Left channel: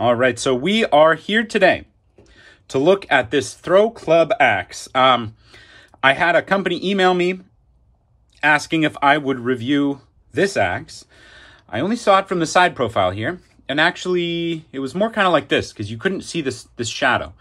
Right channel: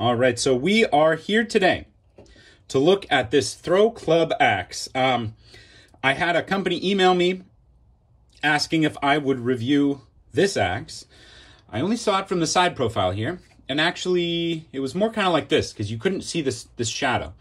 All right, so we are here today to look at this Thrw Club axe. I had a company email me asking if I would review this axe. I only saw it from the side profile here, and actually it was more kind of like this because you couldn't see this shadow.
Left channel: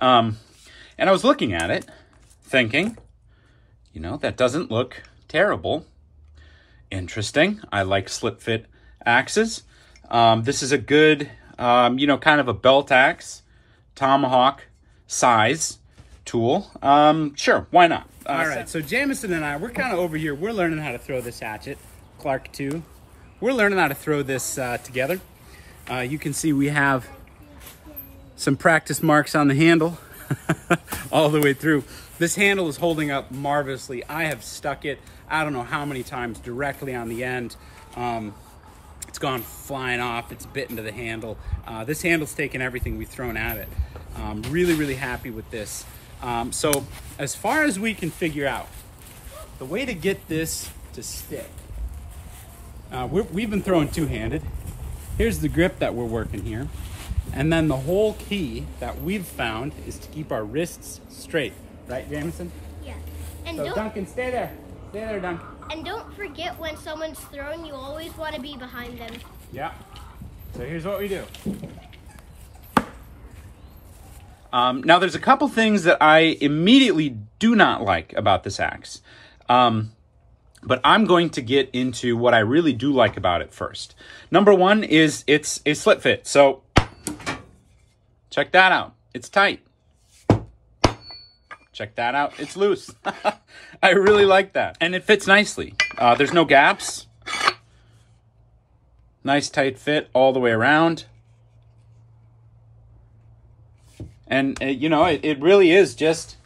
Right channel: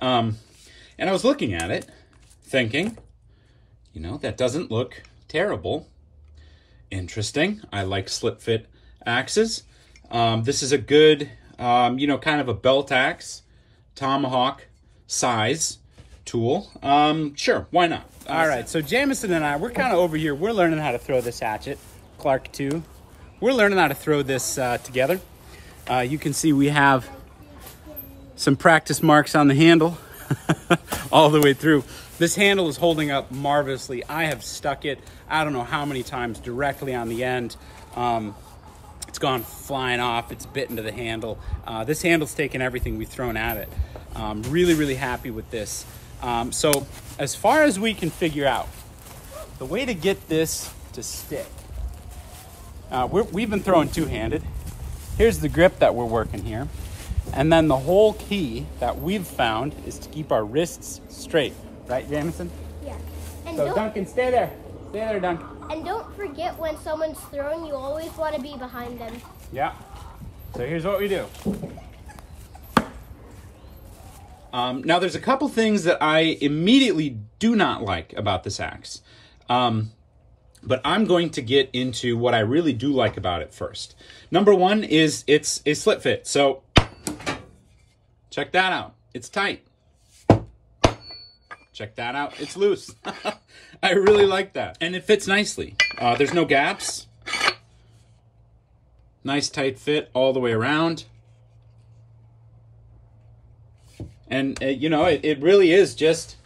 And I was looking at it thinking, you know, that doesn't look terrible. Interesting. I like slip fit axes. This is a good, you know, kind of a belt axe, tomahawk size tool. Sure, why not? All right, so Jameson and I, we're kind of over here. We're learning how to throw this hatchet. Clark too. We're learning how to throw this together. You can see we have some practice marks on the handle all the way through. This handle is holding up marvelously. I have stuck it, I don't know how many times, directly on the end. It's gone flying off. It's bit into the handle. This handle's taken everything we've thrown at it. Really, really happy with this. So as far as we can figure out, the way to get this to stick, we've been throwing two-handed. Here's the grip that we're working here. And then the whole key that we've found is to keep our wrists straight. Right, Jameson? Yeah. And so Duncan, stay there. Stay there, Duncan. And don't forget, when someone's throwing, you always want to be behind them. Yeah. So here's what we do. Now, there's a couple things that I immediately do not like about this axe. But I'm going to get into what I really do like about it first. Number one is it's a slip fit. So check that out. It's tight. Check that out. It's loose. I really like that. And it fits nicely. There's no gaps. Nice tight fit all the way around. And, you know, it really is just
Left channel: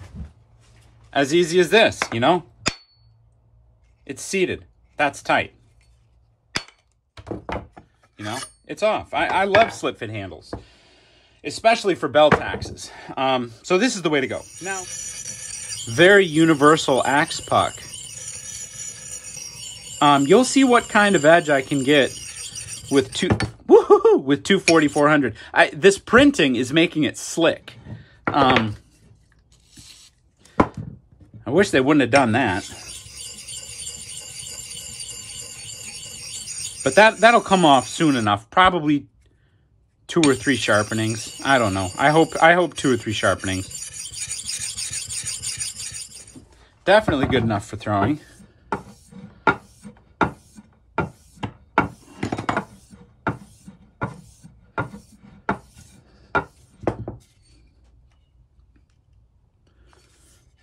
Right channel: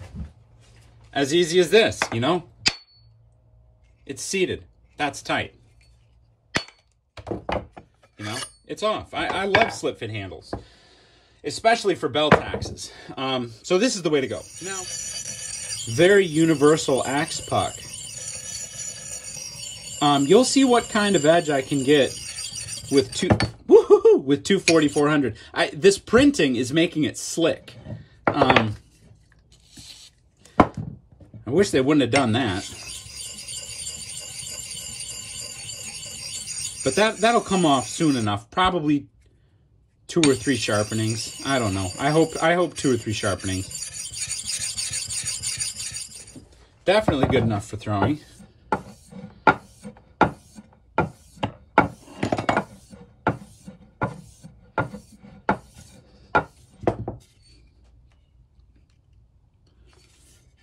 as easy as this, you know? It's seated. That's tight. You know, it's off. I love slip fit handles, especially for belt axes. So this is the way to go. Now, very universal axe puck. You'll see what kind of edge I can get with with 4400. This printing is making it slick. I wish they wouldn't have done that. But that'll come off soon enough. Probably 2 or 3 sharpenings. I don't know. I hope 2 or 3 sharpenings. Definitely good enough for throwing.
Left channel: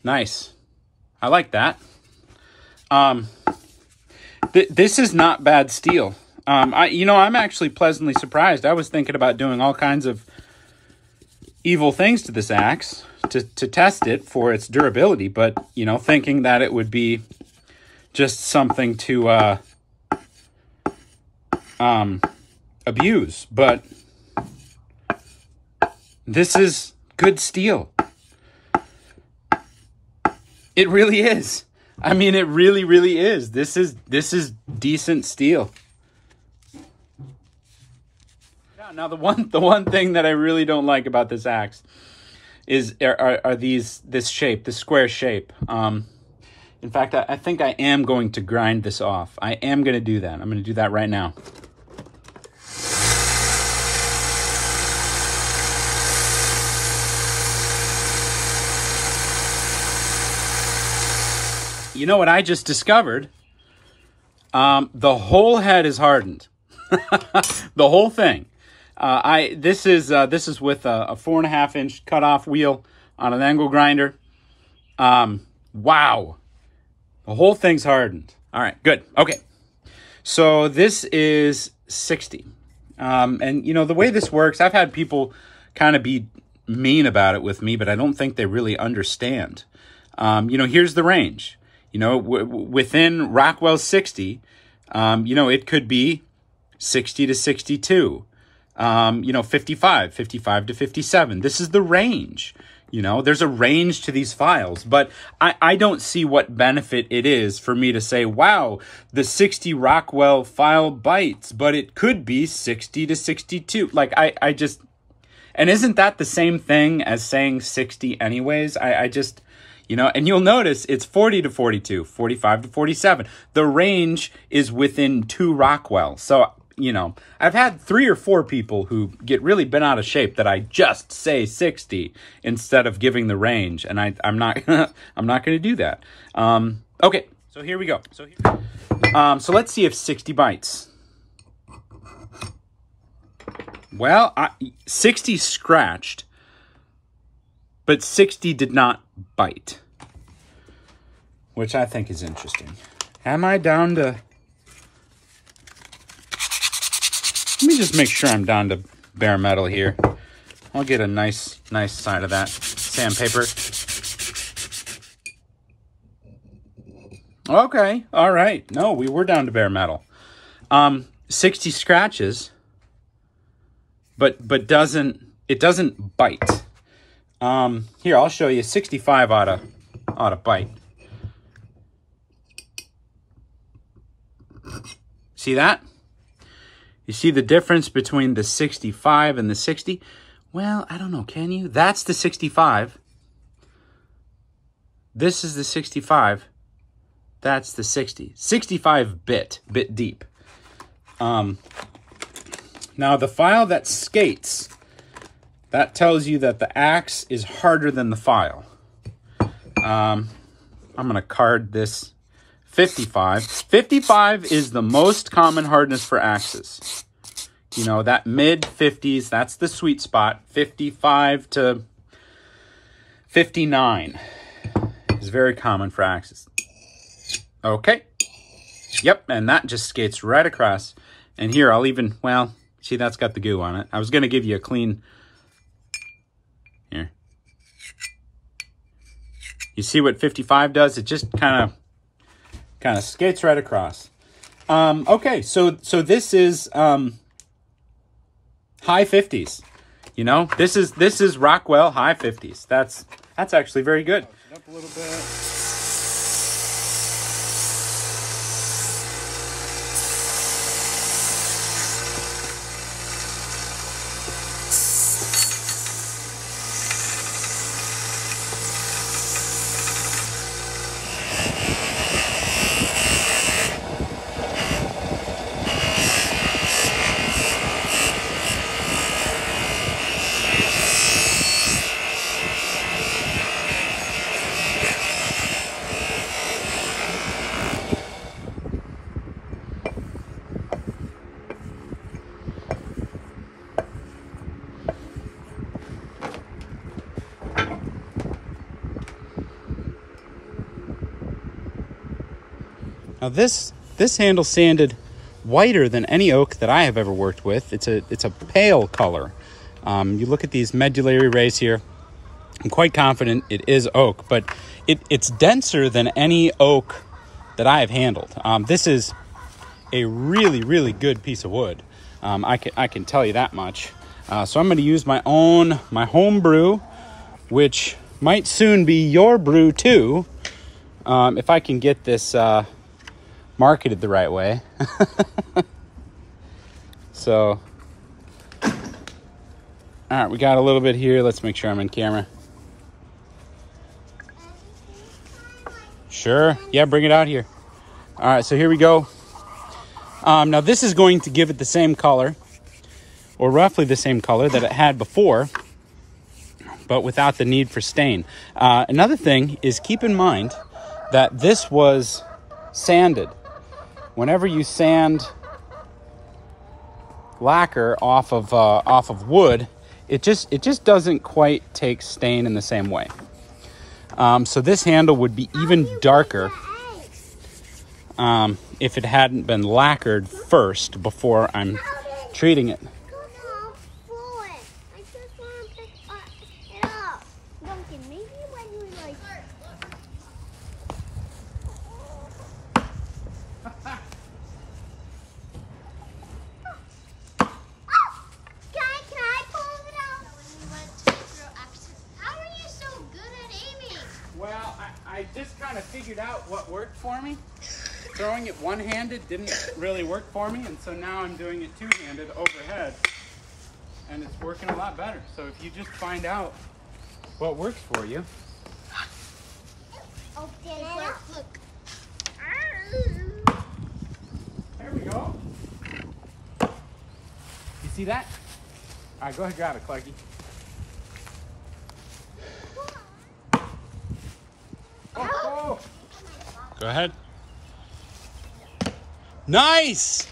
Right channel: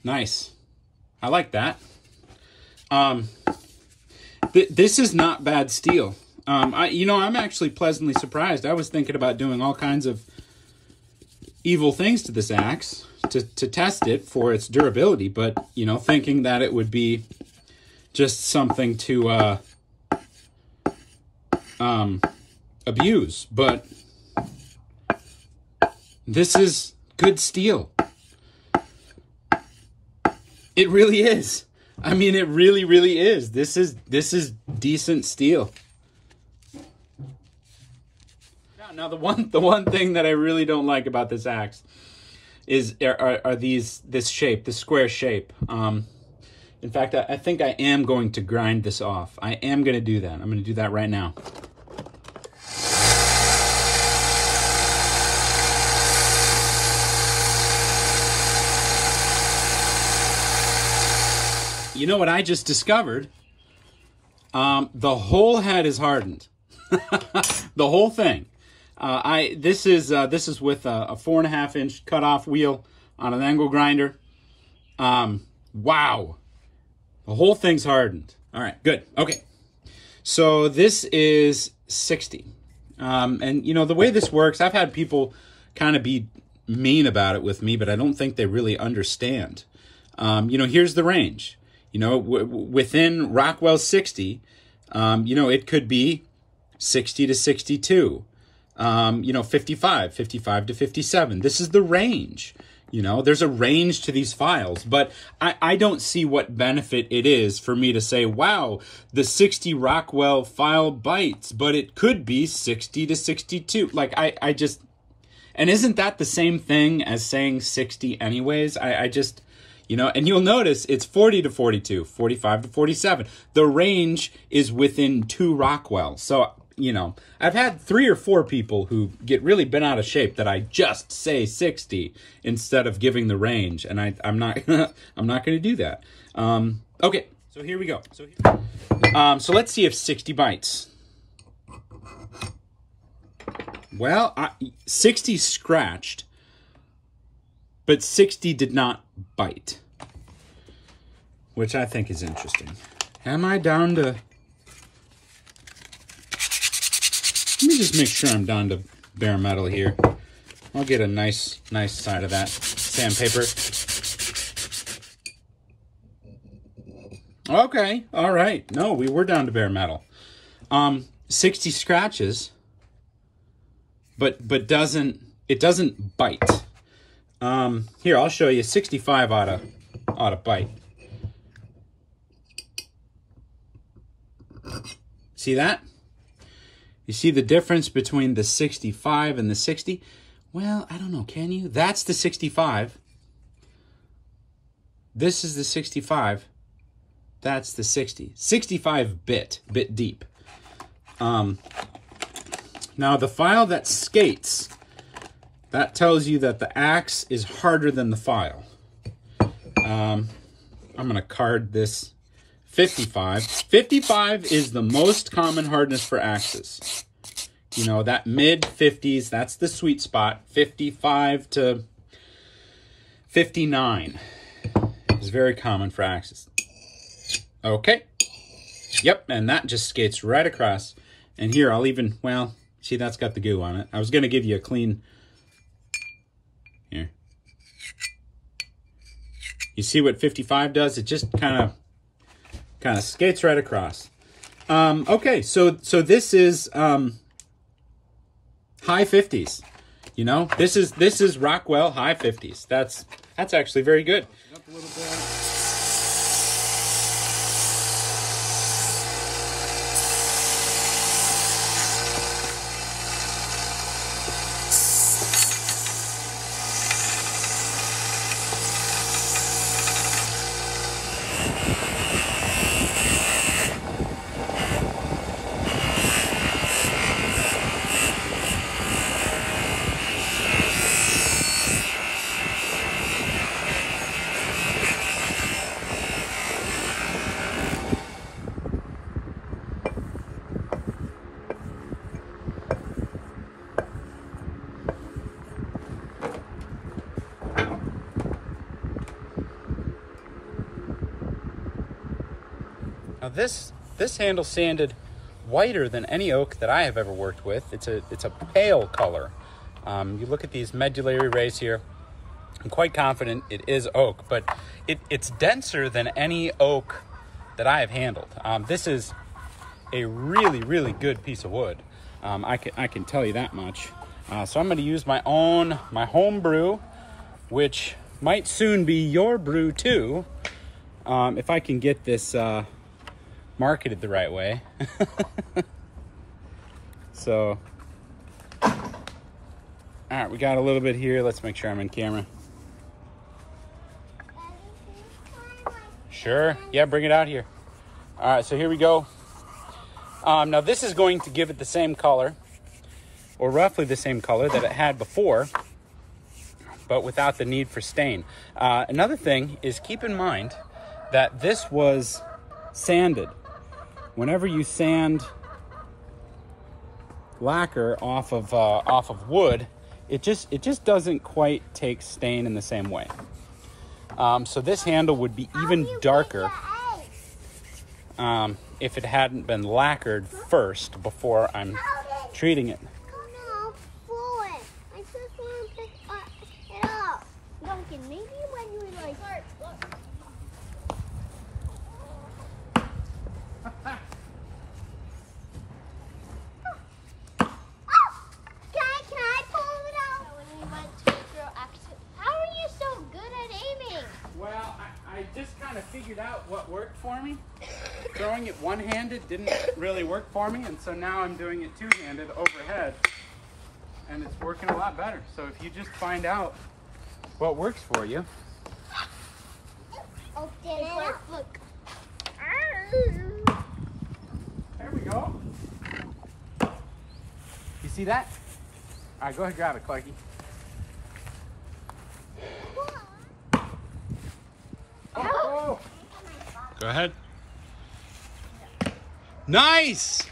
Nice. I like that. This is not bad steel. You know, I'm actually pleasantly surprised. I was thinking about doing all kinds of evil things to this axe to test it for its durability, but, you know, thinking that it would be just something to abuse. But this is good steel. It really is. I mean, it really, really is. This is decent steel. Now, the one thing that I really don't like about this axe is this shape, this square shape. In fact, I think I am going to grind this off. I am going to do that. I'm going to do that right now. You know what I just discovered? The whole head is hardened. The whole thing. This is with a 4.5 inch cutoff wheel on an angle grinder. Wow. The whole thing's hardened. All right, good. Okay. So this is 60. And you know, the way this works, I've had people kind of be mean about it with me, but I don't think they really understand. You know, here's the range. You know, within Rockwell's 60, you know, it could be 60 to 62, you know, 55 to 57. This is the range. You know, there's a range to these files, but I don't see what benefit it is for me to say, wow, the 60 Rockwell file bites, but it could be 60 to 62. Like, I just, And isn't that the same thing as saying 60 anyways? I just, you know, and you'll notice it's 40 to 42, 45 to 47. The range is within 2 Rockwell. So, you know, I've had 3 or 4 people who get really bent out of shape that I just say 60 instead of giving the range. And I'm not, I'm not going to do that. Okay, so here we go. So let's see if 60 bites. Well, 60 scratched, but 60 did not bite, which I think is interesting. Am I down to... Let me just make sure I'm down to bare metal here. I'll get a nice side of that sandpaper. Okay, all right. No, we were down to bare metal. 60 scratches, but it doesn't bite. Here, I'll show you. 65 ought to bite. See that? You see the difference between the 65 and the 60? Well, I don't know, can you? That's the 65. This is the 65. That's the 60. 65 bit deep. Now the file that skates, that tells you that the axe is harder than the file. I'm gonna card this 55. 55 is the most common hardness for axes. You know, that mid 50s, that's the sweet spot. 55 to 59 is very common for axes. Okay. Yep, and that just skates right across. And here, I'll even, well, see, that's got the goo on it. I was going to give you a clean... Here. You see what 55 does? It just kind of skates right across. Okay, so this is high 50s. You know, this is Rockwell high 50s. That's actually very good. Up a little bit. Now this handle sanded whiter than any oak that I have ever worked with. It's a pale color. You look at these medullary rays here. I'm quite confident it is oak, but it's denser than any oak that I have handled. This is a really good piece of wood. I can tell you that much. So I'm going to use my home brew, which might soon be your brew too, if I can get this marketed the right way. So, all right, we got a little bit here. Let's make sure I'm in camera. Sure, yeah, bring it out here. All right, so here we go. Now this is going to give it the same color, or roughly the same color that it had before, but without the need for stain. Another thing is, keep in mind that this was sanded. Whenever you sand lacquer off of wood, it just doesn't quite take stain in the same way. So this handle would be even darker if it hadn't been lacquered first before I'm treating it. Well, I just kind of figured out what worked for me. Throwing it one-handed didn't really work for me, and so now I'm doing it two-handed overhead. and it's working a lot better. So if you just find out what works for you. Look. There we go. You see that? All right, go ahead, grab it, Clarky. Oh. Go ahead. Nice!